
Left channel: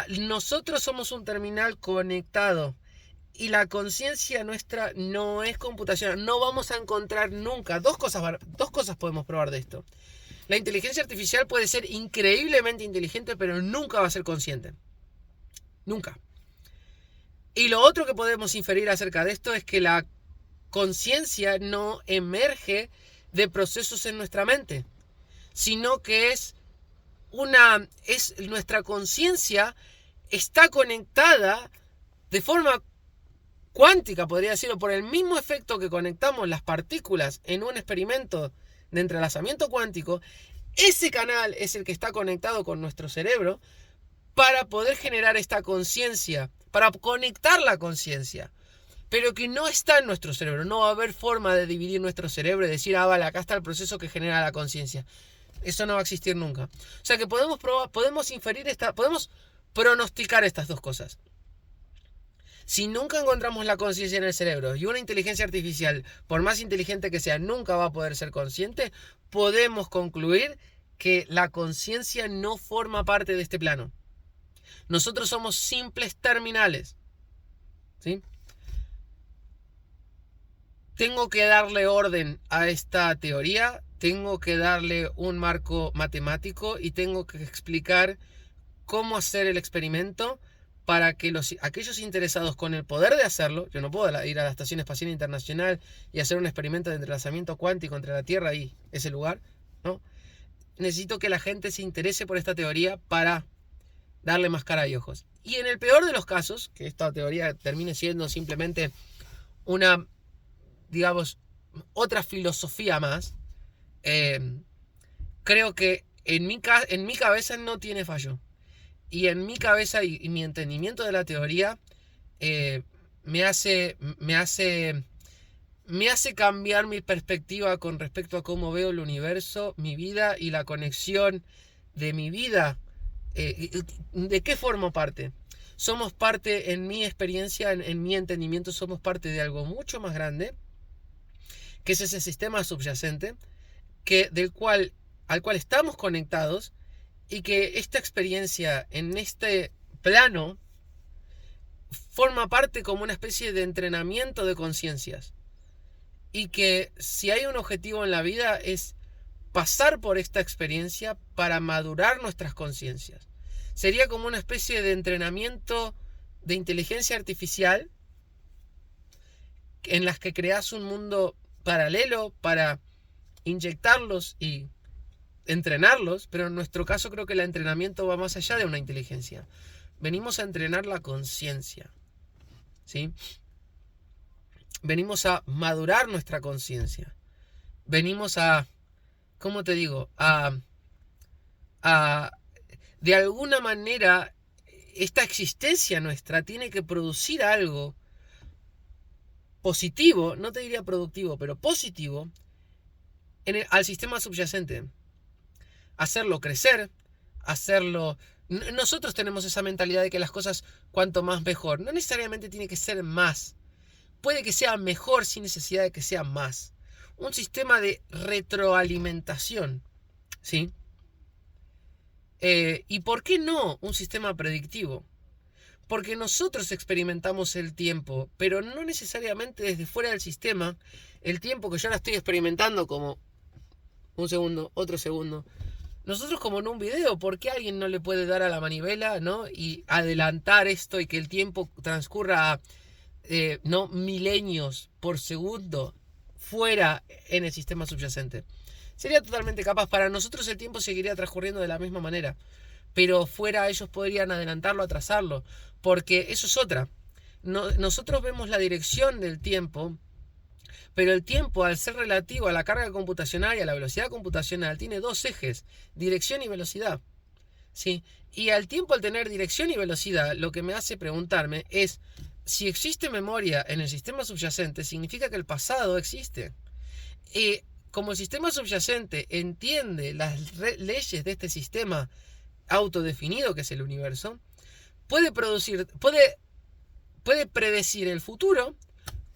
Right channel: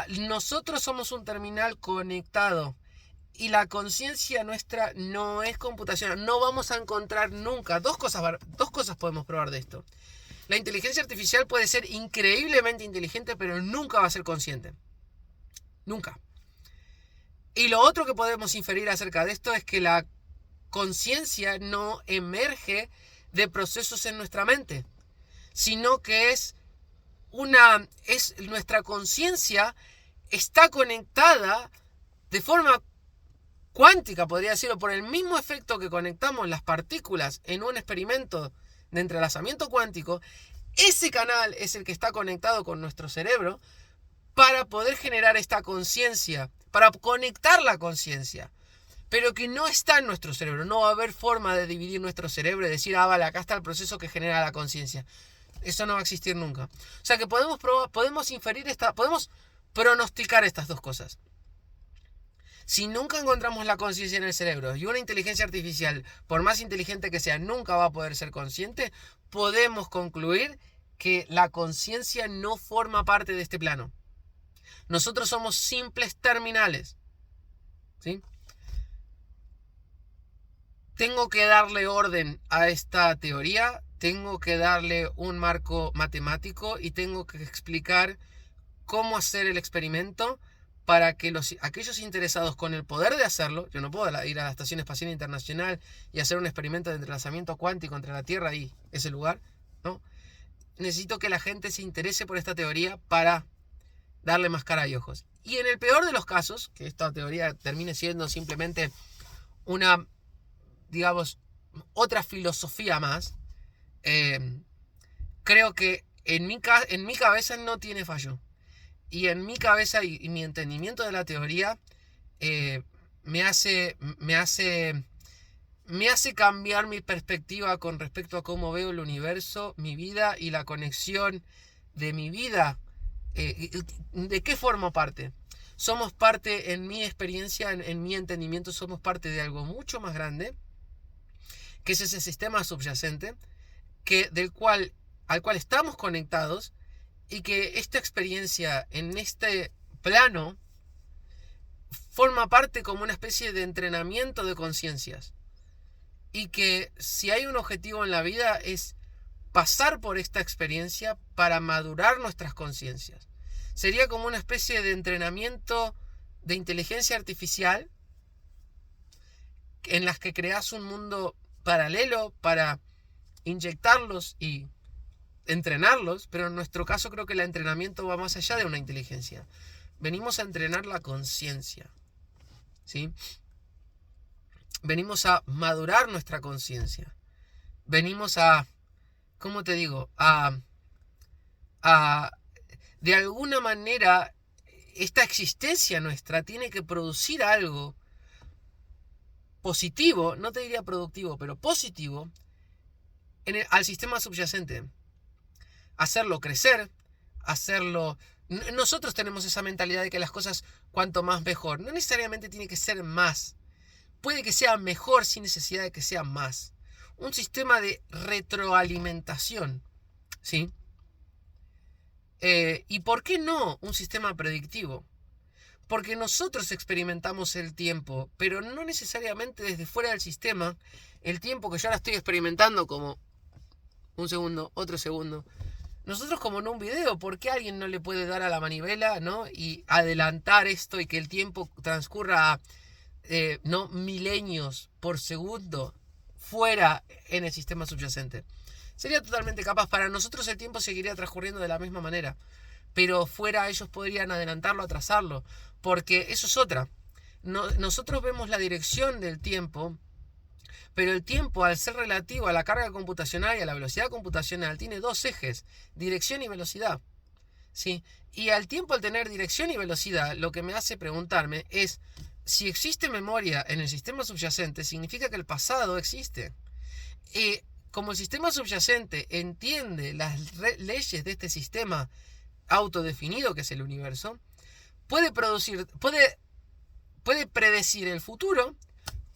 Nosotros somos un terminal conectado y la conciencia nuestra no es computacional. No vamos a encontrar nunca. Dos cosas podemos probar de esto. La inteligencia artificial puede ser increíblemente inteligente, pero nunca va a ser consciente. Nunca. Y lo otro que podemos inferir acerca de esto es que la conciencia no emerge de procesos en nuestra mente, sino que nuestra conciencia está conectada de forma cuántica, podría decirlo, por el mismo efecto que conectamos las partículas en un experimento de entrelazamiento cuántico. Ese canal es el que está conectado con nuestro cerebro para poder generar esta conciencia, para conectar la conciencia, pero que no está en nuestro cerebro. No va a haber forma de dividir nuestro cerebro y decir, vale, acá está el proceso que genera la conciencia. Eso no va a existir nunca. O sea que podemos inferir podemos pronosticar estas dos cosas. Si nunca encontramos la conciencia en el cerebro y una inteligencia artificial, por más inteligente que sea, nunca va a poder ser consciente, podemos concluir que la conciencia no forma parte de este plano. Nosotros somos simples terminales. ¿Sí? Tengo que darle orden a esta teoría, tengo que darle un marco matemático y tengo que explicar cómo hacer el experimento para que aquellos interesados con el poder de hacerlo, yo no puedo ir a la Estación Espacial Internacional y hacer un experimento de entrelazamiento cuántico entre la Tierra y ese lugar, ¿no? Necesito que la gente se interese por esta teoría para darle más cara y ojos. Y en el peor de los casos, que esta teoría termine siendo simplemente una, digamos, otra filosofía más, creo que en mi cabeza no tiene fallo. Y en mi cabeza y mi entendimiento de la teoría me hace cambiar mi perspectiva con respecto a cómo veo el universo, mi vida y la conexión de mi vida. ¿De qué formo parte? Somos parte, en mi experiencia, en mi entendimiento, somos parte de algo mucho más grande, que es ese sistema subyacente, al cual estamos conectados, y que esta experiencia en este plano forma parte como una especie de entrenamiento de conciencias. Y que si hay un objetivo en la vida es pasar por esta experiencia para madurar nuestras conciencias. Sería como una especie de entrenamiento de inteligencia artificial en las que creas un mundo paralelo para inyectarlos y entrenarlos, pero en nuestro caso creo que el entrenamiento va más allá de una inteligencia. Venimos a entrenar la conciencia, ¿sí? Venimos a madurar nuestra conciencia. Venimos a, ¿cómo te digo? De alguna manera, esta existencia nuestra tiene que producir algo positivo, no te diría productivo, pero positivo, al sistema subyacente. Hacerlo crecer, hacerlo... Nosotros tenemos esa mentalidad de que las cosas cuanto más mejor. No necesariamente tiene que ser más. Puede que sea mejor sin necesidad de que sea más. Un sistema de retroalimentación, ¿sí? ¿Y por qué no un sistema predictivo? Porque nosotros experimentamos el tiempo, pero no necesariamente desde fuera del sistema. El tiempo que yo ahora estoy experimentando como un segundo, otro segundo. Nosotros como en un video, ¿por qué alguien no le puede dar a la manivela, ¿no? Y adelantar esto y que el tiempo transcurra no milenios por segundo fuera en el sistema subyacente? Sería totalmente capaz. Para nosotros el tiempo seguiría transcurriendo de la misma manera, pero fuera ellos podrían adelantarlo, atrasarlo, porque eso es otra. Nosotros vemos la dirección del tiempo, pero el tiempo, al ser relativo a la carga computacional y a la velocidad computacional, tiene dos ejes, dirección y velocidad, ¿sí? Y al tiempo, al tener dirección y velocidad, lo que me hace preguntarme es, si existe memoria en el sistema subyacente, significa que el pasado existe. Y como el sistema subyacente entiende las leyes de este sistema autodefinido que es el universo, puede predecir el futuro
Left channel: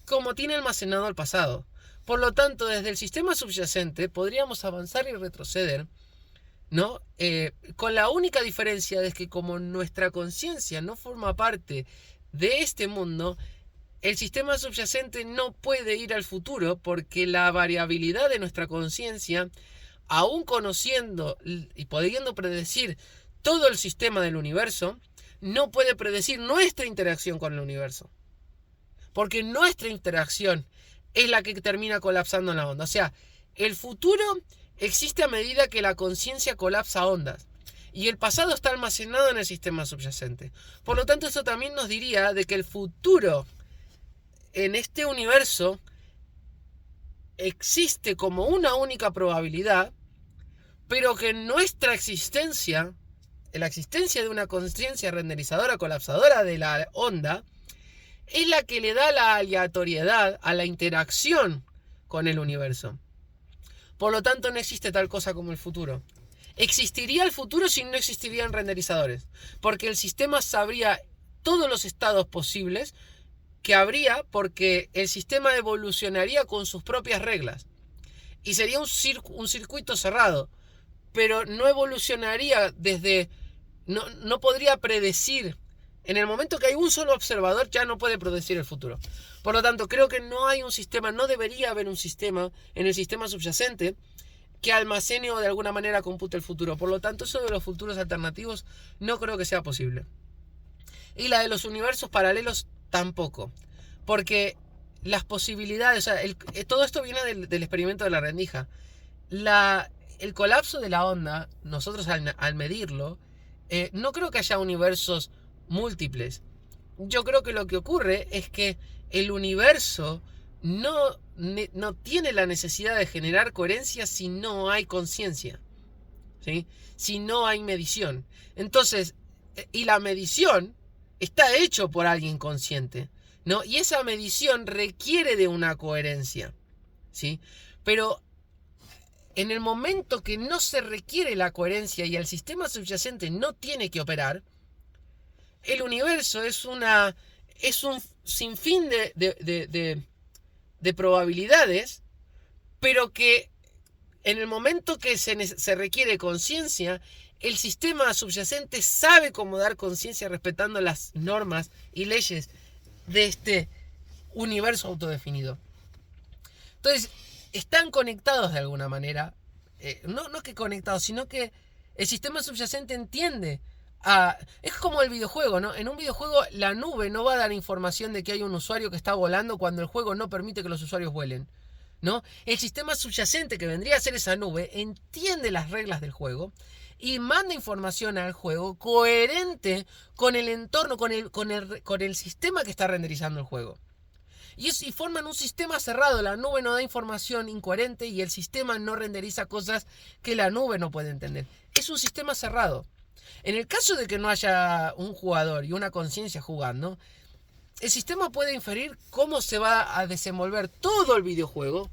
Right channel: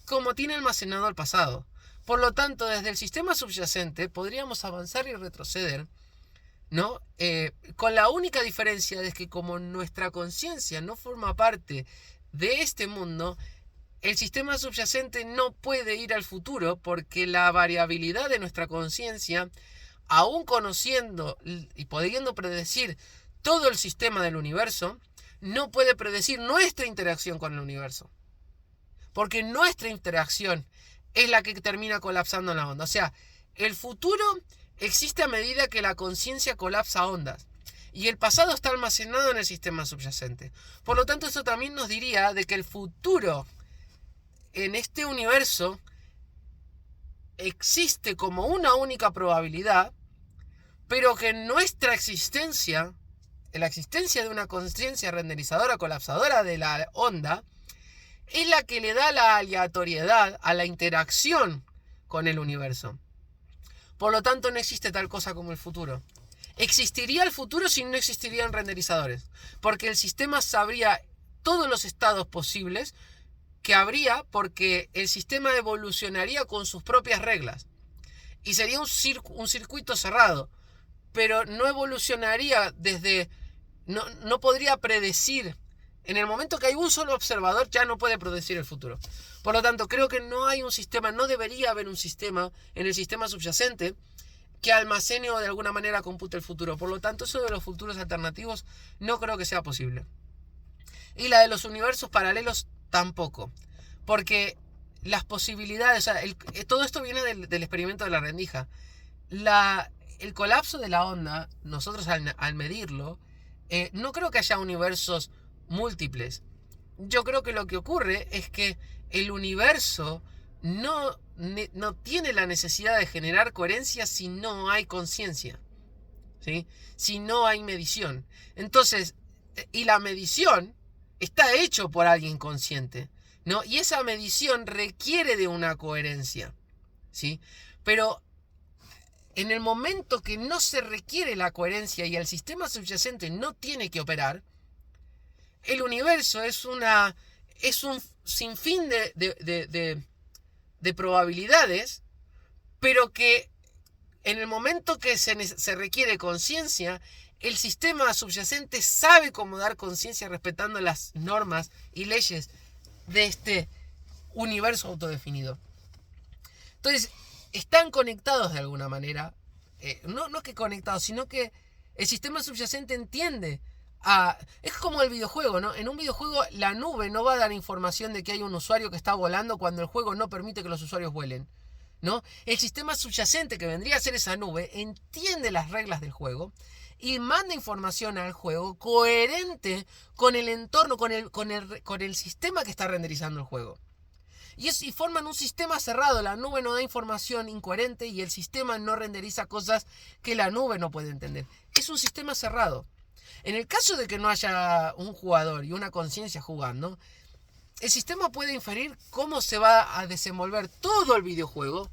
como tiene almacenado el pasado. Por lo tanto, desde el sistema subyacente podríamos avanzar y retroceder, ¿no? Con la única diferencia de que como nuestra conciencia no forma parte de este mundo, el sistema subyacente no puede ir al futuro porque la variabilidad de nuestra conciencia, aún conociendo y pudiendo predecir todo el sistema del universo, no puede predecir nuestra interacción con el universo. Porque nuestra interacción es la que termina colapsando en la onda. O sea, el futuro existe a medida que la conciencia colapsa ondas. Y el pasado está almacenado en el sistema subyacente. Por lo tanto, esto también nos diría de que el futuro en este universo existe como una única probabilidad, pero que nuestra existencia, la existencia de una conciencia renderizadora colapsadora de la onda, es la que le da la aleatoriedad a la interacción con el universo. Por lo tanto, no existe tal cosa como el futuro. Existiría el futuro si no existirían renderizadores, porque el sistema sabría todos los estados posibles que habría, porque el sistema evolucionaría con sus propias reglas y sería un circuito cerrado, pero no evolucionaría no podría predecir. En el momento que hay un solo observador, ya no puede predecir el futuro. Por lo tanto, creo que no hay un sistema, no debería haber un sistema en el sistema subyacente que almacene o de alguna manera compute el futuro. Por lo tanto, eso de los futuros alternativos no creo que sea posible. Y la de los universos paralelos tampoco. Porque las posibilidades, o sea, todo esto viene del experimento de la rendija. El colapso de la onda, nosotros al medirlo, no creo que haya universos múltiples. Yo creo que lo que ocurre es que el universo no tiene la necesidad de generar coherencia si no hay conciencia, ¿sí? Si no hay medición. Entonces, y la medición está hecho por alguien consciente, ¿no? Y esa medición requiere de una coherencia, ¿sí? Pero en el momento que no se requiere la coherencia y el sistema subyacente no tiene que operar, el universo es un sinfín de probabilidades, pero que en el momento que se requiere conciencia, el sistema subyacente sabe cómo dar conciencia respetando las normas y leyes de este universo autodefinido. Entonces, están conectados de alguna manera, no que conectados, sino que el sistema subyacente entiende. Es como el videojuego, ¿no? En un videojuego la nube no va a dar información de que hay un usuario que está volando cuando el juego no permite que los usuarios vuelen, ¿no? El sistema subyacente, que vendría a ser esa nube, entiende las reglas del juego y manda información al juego coherente con el entorno, con el sistema que está renderizando el juego. Y forman un sistema cerrado. La nube no da información incoherente y el sistema no renderiza cosas que la nube no puede entender. Es un sistema cerrado. En el caso de que no haya un jugador y una conciencia jugando, el sistema puede inferir cómo se va a desenvolver todo el videojuego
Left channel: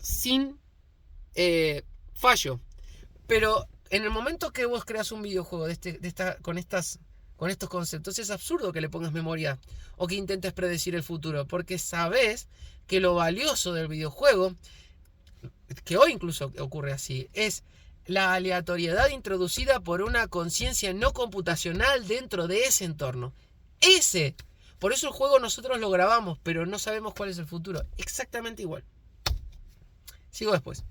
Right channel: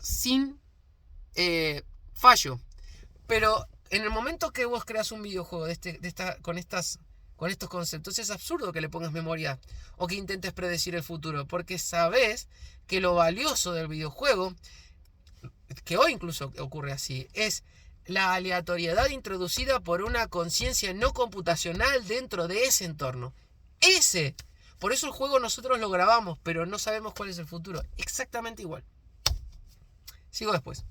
sin fallo. Pero en el momento que vos creas un videojuego con estos conceptos, es absurdo que le pongas memoria o que intentes predecir el futuro, porque sabes que lo valioso del videojuego, que hoy incluso ocurre así, es la aleatoriedad introducida por una conciencia no computacional dentro de ese entorno. Por eso el juego nosotros lo grabamos, pero no sabemos cuál es el futuro. Exactamente igual. Sigo después.